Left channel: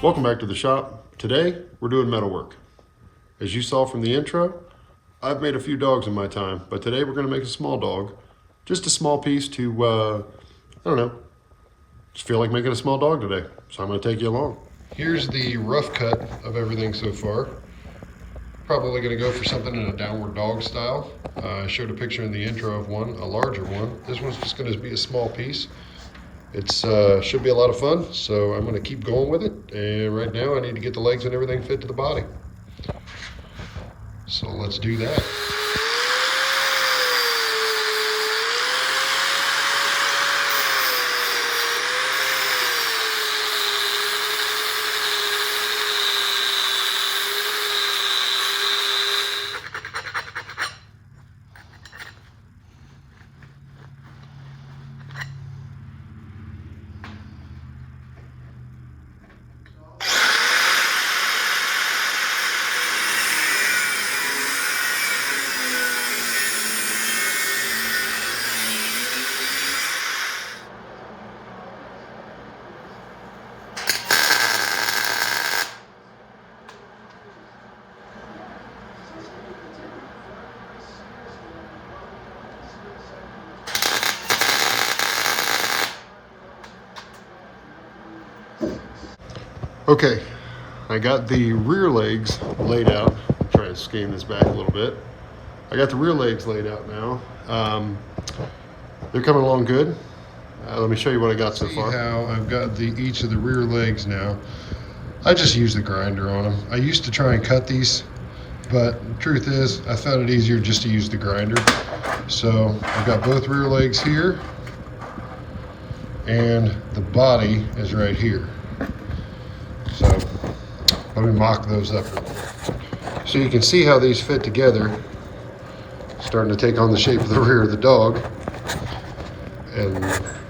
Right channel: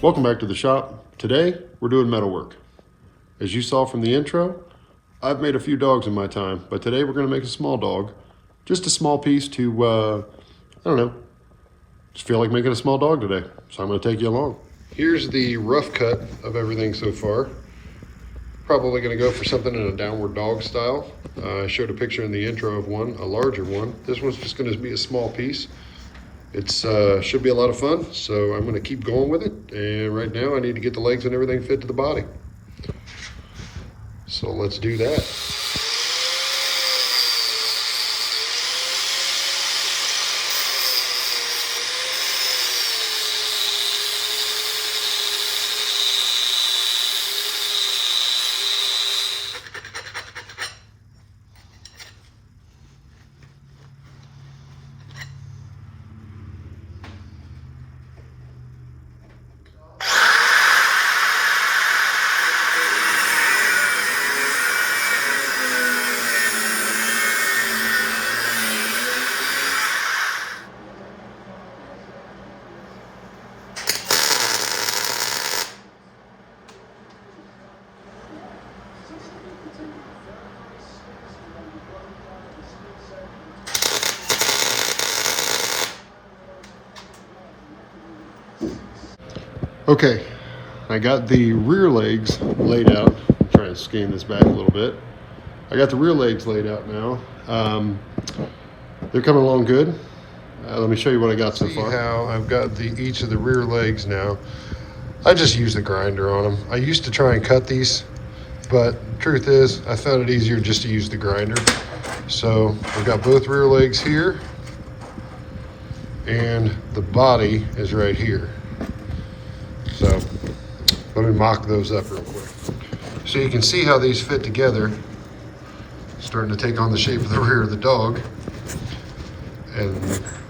Welcome back to the shop. Today, we're doing metal work. As you saw from the intro, I've made a few dogs in my time, but today we're gonna make a small dog. Just a small piece to, I don't know, just feel like making a small dog today. So I'm gonna take you along. Here's the rough cut of everything so far. Probably gonna go for something in a downward dog style. I showed a picture in the intro of one, a larger one. This one's just gonna be a small piece. It's should be a lot of fun, so I'm gonna keep going with it. And right now I need to get the legs and everything fit to the body. So let's do that. Okay, I got the rear legs laid out. I'm trying to scan this back a little bit. I got the rear legs laid out now. They're coming along good. Let me show you what I got so far. See how I've got each of the rear legs now. I just use the grinder on them. I used to try and cut these, but the truth is I found it easier just to use the grinder. So I've got both rear legs here, and the body is right here. So let me mock those up real quick. So you can see how these fit together, starting to take on the shape of the rear of the dog. And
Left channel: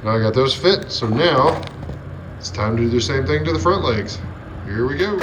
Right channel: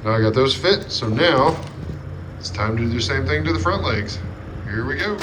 now I got those fit. So now it's time to do the same thing to the front legs. Here we go.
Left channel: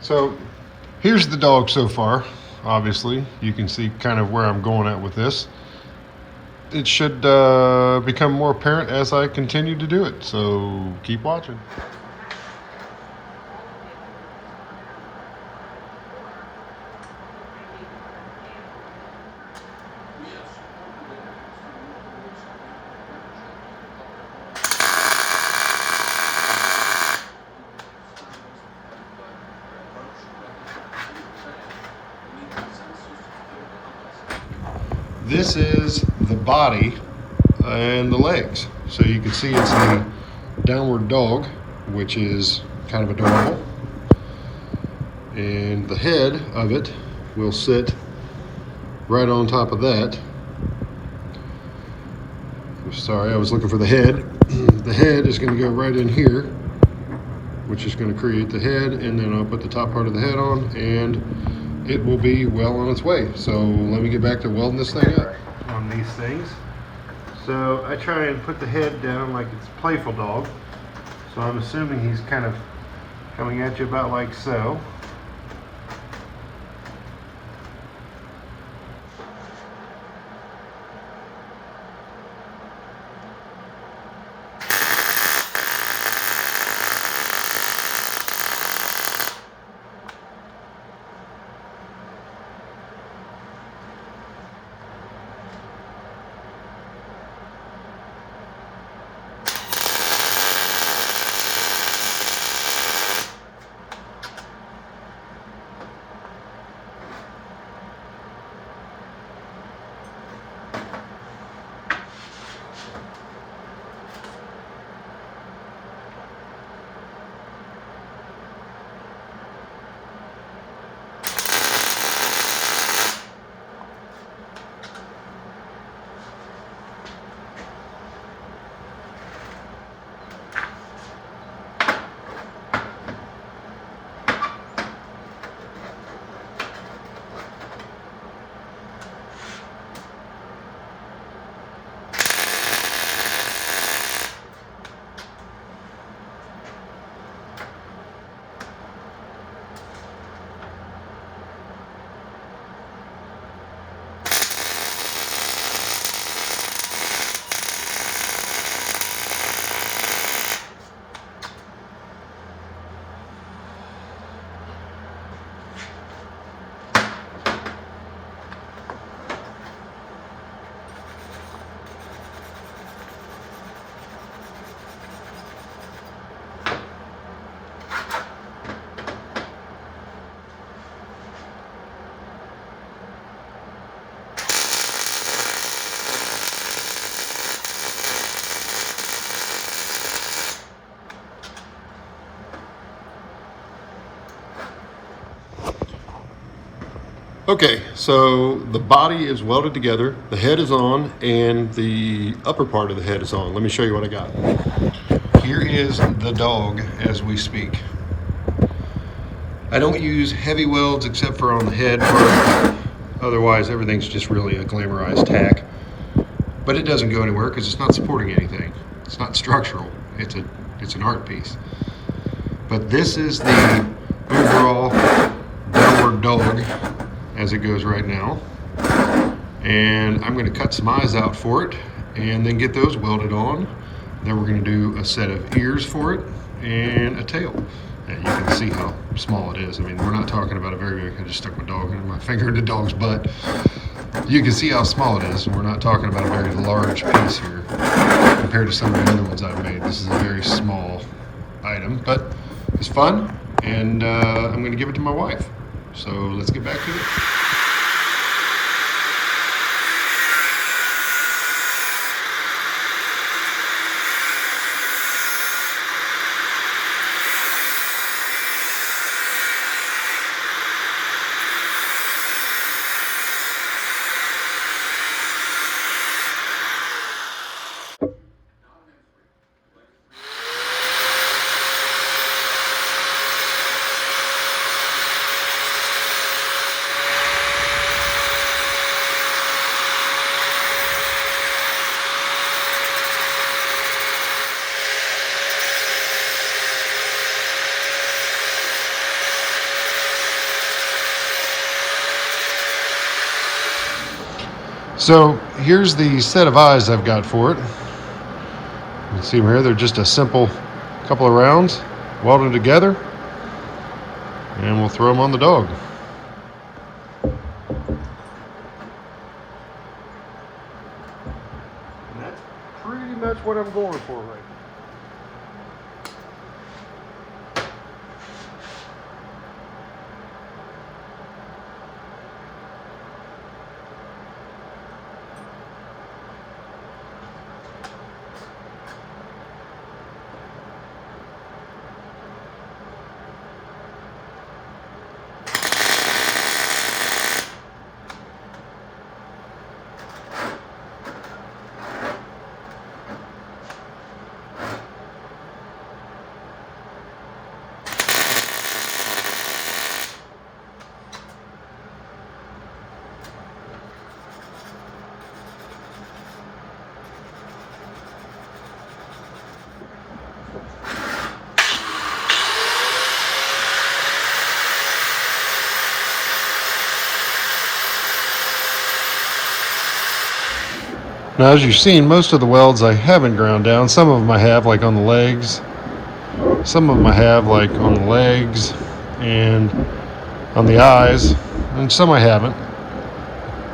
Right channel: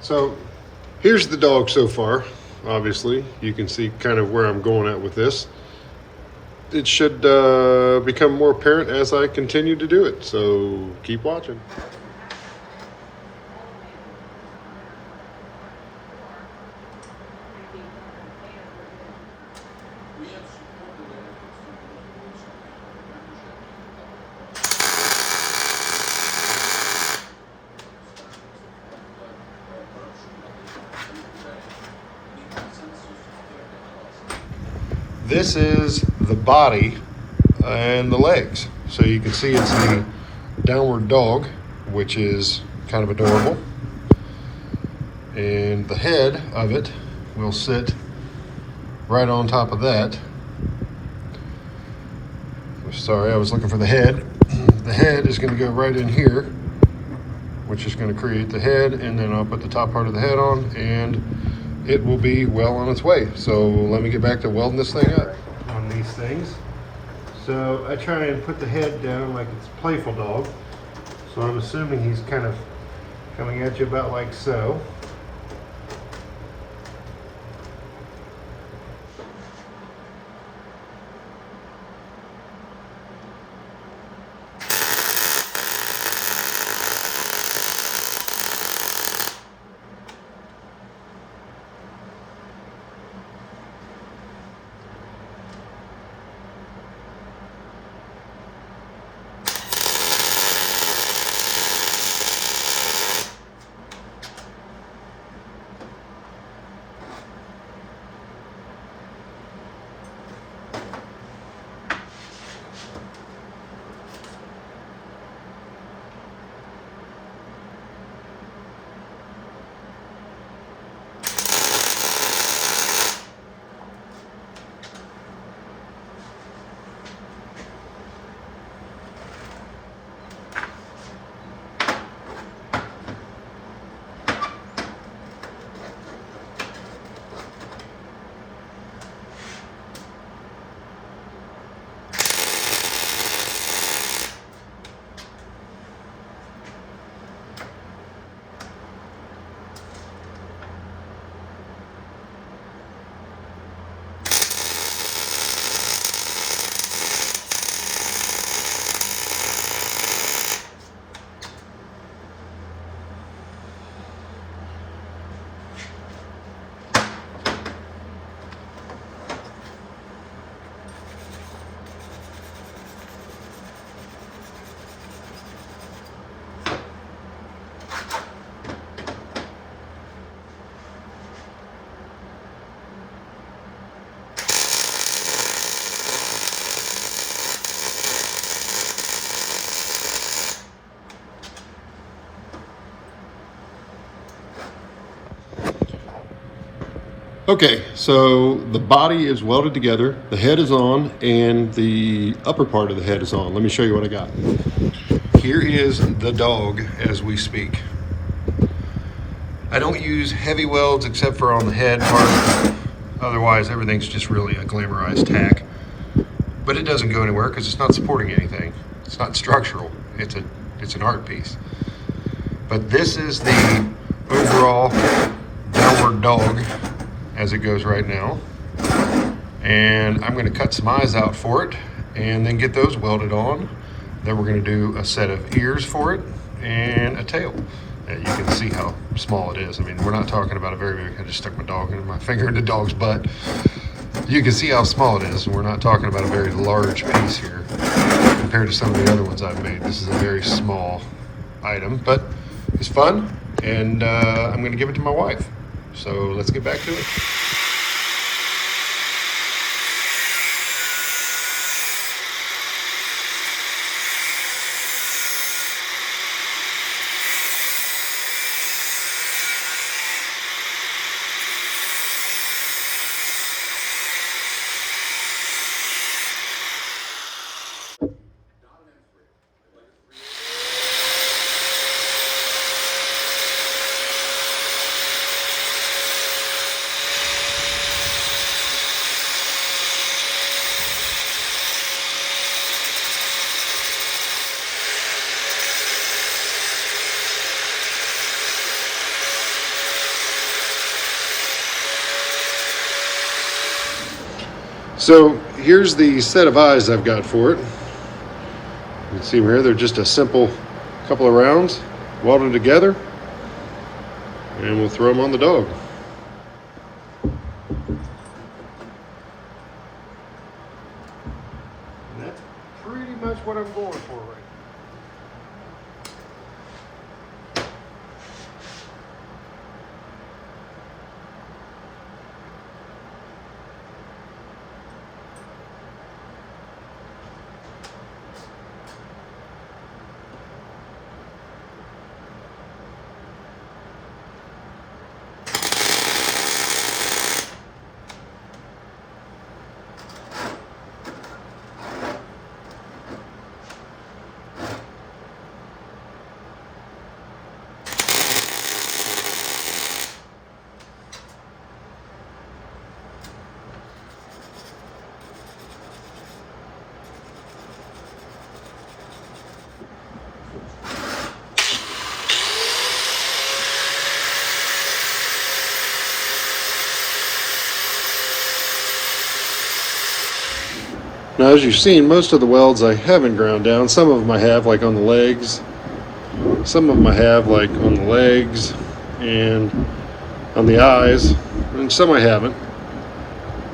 So here's the dog so far. Obviously, you can see kind of where I'm going at with this. It should become more apparent as I continue to do it, so keep watching. This is the body and the legs. So you can see it's a downward dog, which is kind of adorable. And the head of it will sit right on top of that. Sorry, I was looking for the head. The head is going to go right in here, which is going to create the head, and then I'll put the top part of the head on, and it will be well on its way. So let me get back to welding this thing up on these things. So I try and put the head down like it's a playful dog. So I'm assuming he's kind of coming at you about like so. Okay, so the body is welded together, the head is on, and the upper part of the head is on. Let me show you what I got. Here is the dog as we speak. I don't use heavy welds except for on the head part. Otherwise, everything's just really a glamorized tack. But it doesn't go anywhere because it's not supporting anything. It's not structural. It's an art piece. But this is the overall downward dog as it goes right now. And I'm going to cut some eyes out for it and then get those welded on. Then we're going to do a set of ears for it and a tail. And you can see how small it is. I mean, we're not talking about a very big, I just stuck my finger in the dog's butt. You can see how small it is. And we're not talking about a very large piece here compared to some of the other ones I've made. This is a very small item, but it's fun. And I'm going to give it to my wife. So let's get back to it. So here's the set of eyes I've got for it. You can see them here, they're just a simple couple of rounds welded together, and we'll throw them on the dog. And that's pretty much what I'm going for. Now, as you've seen, most of the welds I haven't ground down. Some of them I have, like on the legs. Some of them I have, like on the legs and on the eyes, and some I haven't.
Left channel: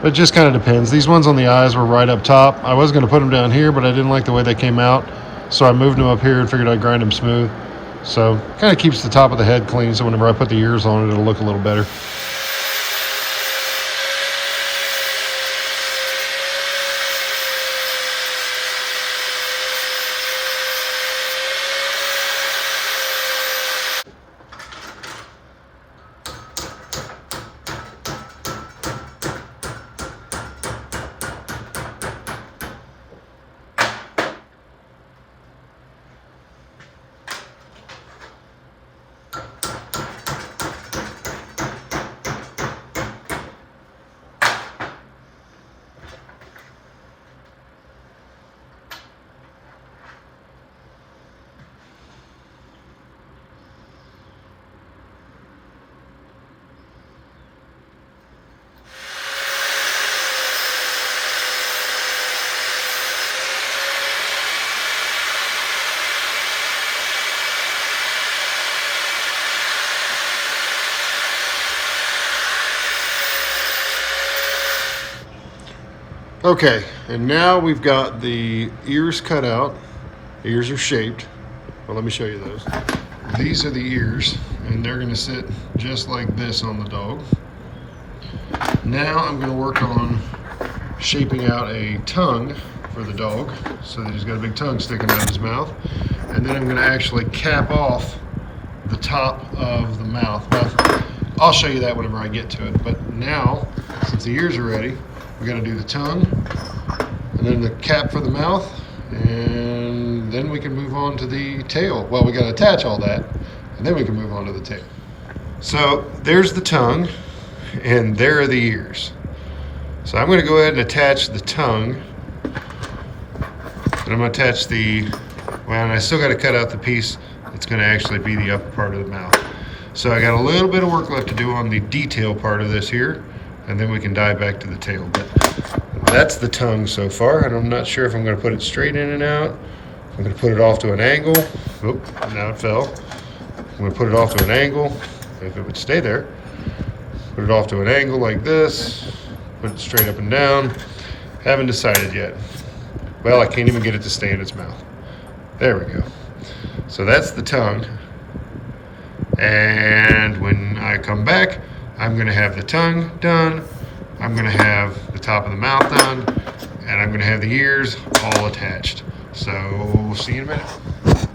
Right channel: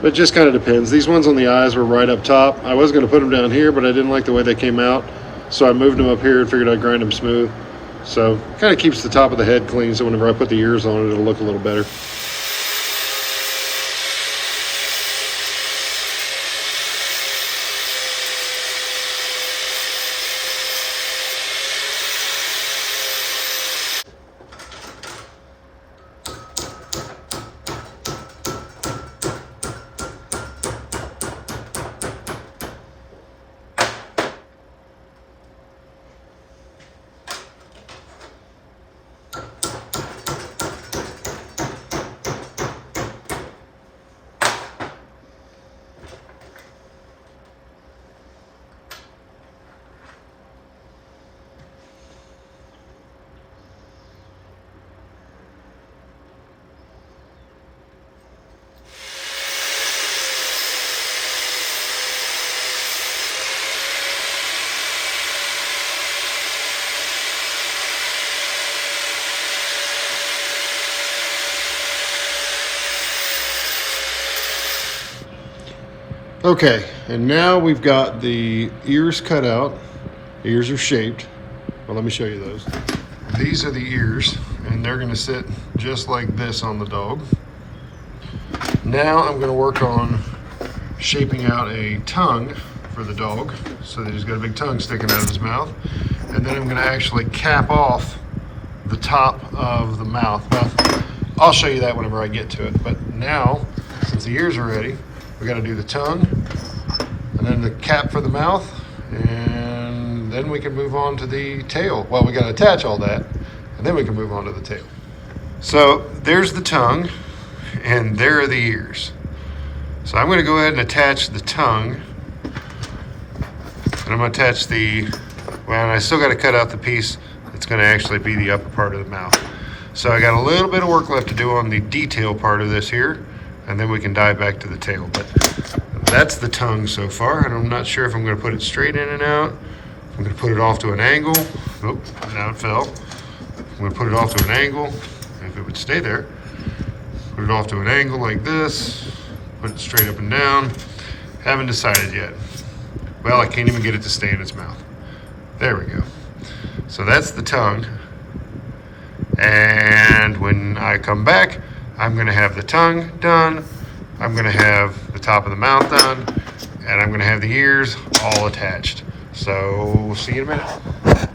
It just kind of depends. These ones on the eyes were right up top. I was going to put them down here, but I didn't like the way they came out, so I moved them up here and figured I'd grind them smooth. So kind of keeps the top of the head clean, so whenever I put the ears on it, it'll look a little better. Okay, and now we've got the ears cut out. The ears are shaped. Well, let me show you those. These are the ears, and they're gonna sit just like this on the dog. Now I'm gonna work on shaping out a tongue for the dog so that he's got a big tongue sticking out of his mouth. And then I'm gonna actually cap off the top of the mouth. Well, I'll show you that whenever I get to it. But now, since the ears are ready, we got to do the tongue and then the cap for the mouth, and then we can move on to the tail. Well, we got to attach all that, and then we can move on to the tail. So there's the tongue, and there are the ears. So I'm going to go ahead and attach the tongue, and I'm going to attach well, and I still got to cut out the piece that's going to actually be the upper part of the mouth. So I got a little bit of work left to do on the detail part of this here, and then we can dive back to the tail. But that's the tongue so far, and I'm not sure if I'm going to put it straight in and out. I'm going to put it off to an angle. Oh, now it fell. I'm going to put it off to an angle, if it would stay there. Put it off to an angle like this. Put it straight up and down. Haven't decided yet. Well, I can't even get it to stay in its mouth. There we go. So that's the tongue. And when I come back, I'm going to have the tongue done, I'm going to have the top of the mouth done, and I'm going to have the ears all attached. So we'll see you in a minute.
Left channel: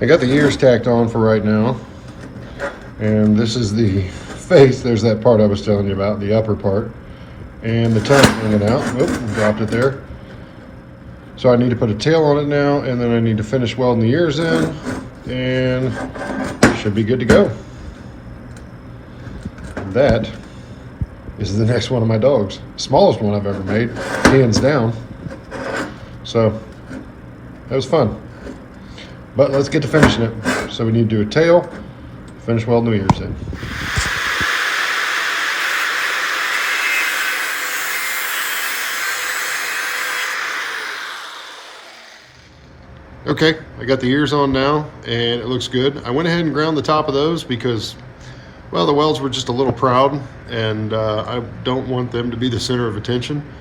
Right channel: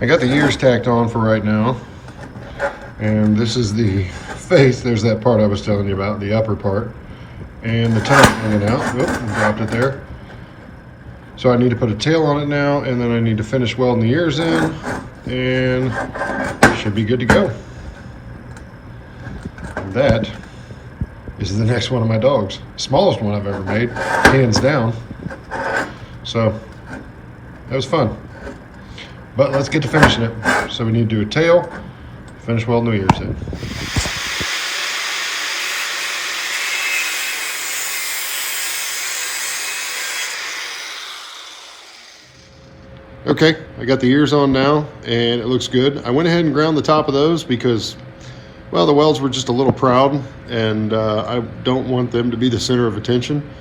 I got the ears tacked on for right now, and this is the face. There's that part I was telling you about, the upper part, and the tongue hanging out. Oop, dropped it there. So I need to put a tail on it now, and then I need to finish welding the ears in, and should be good to go. That is the next one of my dogs. Smallest one I've ever made, hands down. So that was fun. But let's get to finishing it. So we need to do a tail, finish welding the ears in. Okay, I got the ears on now, and it looks good. I went ahead and ground the top of those because, well, the welds were just a little proud, and I don't want them to be the center of attention.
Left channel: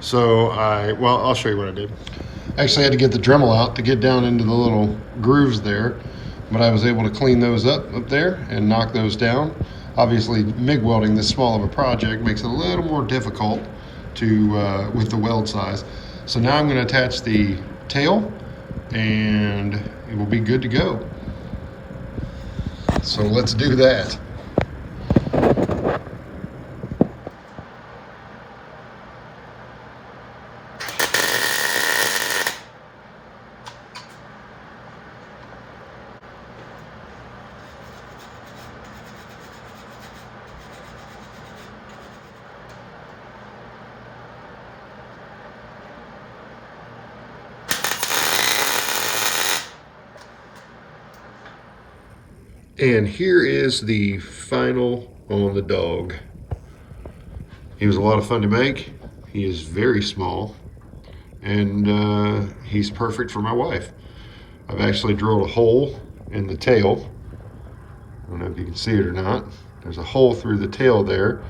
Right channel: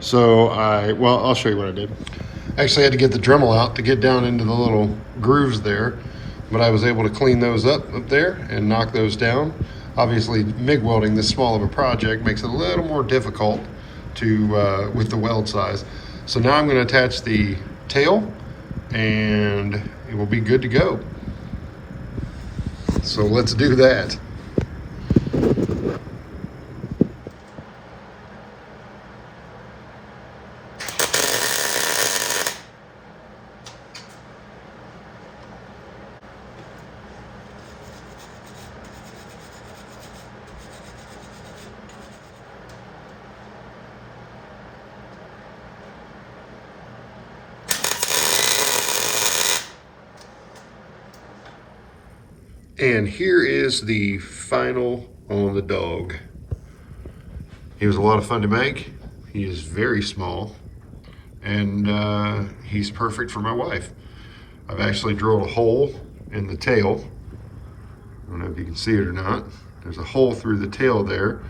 So I'll show you what I did. I actually had to get the Dremel out to get down into the little grooves there, but I was able to clean those up there and knock those down. Obviously, MIG welding this small of a project makes it a little more difficult to with the weld size. So now I'm going to attach the tail, and it will be good to go. So let's do that. And here is the final on the dog. He was a lot of fun to make. He is very small. and he's perfect for my wife. I've actually drilled a hole in the tail. I don't know if you can see it or not. There's a hole through the tail there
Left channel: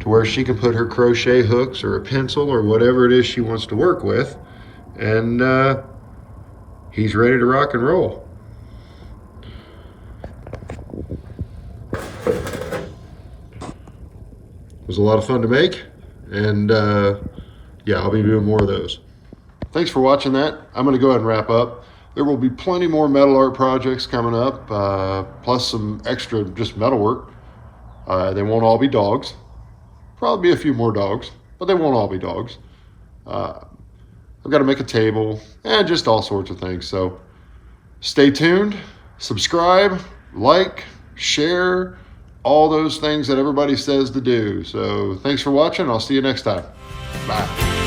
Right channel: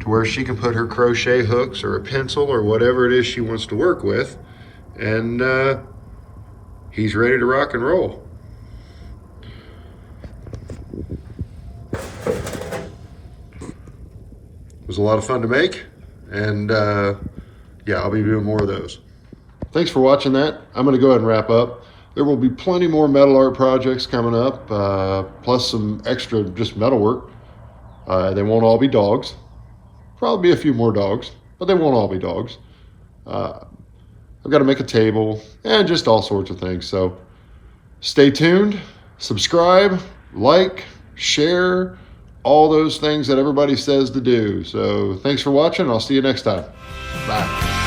to where she can put her crochet hooks or a pencil or whatever it is she wants to work with, and he's ready to rock and roll. It was a lot of fun to make, and yeah, I'll be doing more of those. Thanks for watching that. I'm going to go ahead and wrap up. There will be plenty more metal art projects coming up, plus some extra just metal work. They won't all be dogs. Probably be a few more dogs, but they won't all be dogs. I've got to make a table and just all sorts of things. So stay tuned, subscribe, like, share, all those things that everybody says to do. So thanks for watching. I'll see you next time. Bye.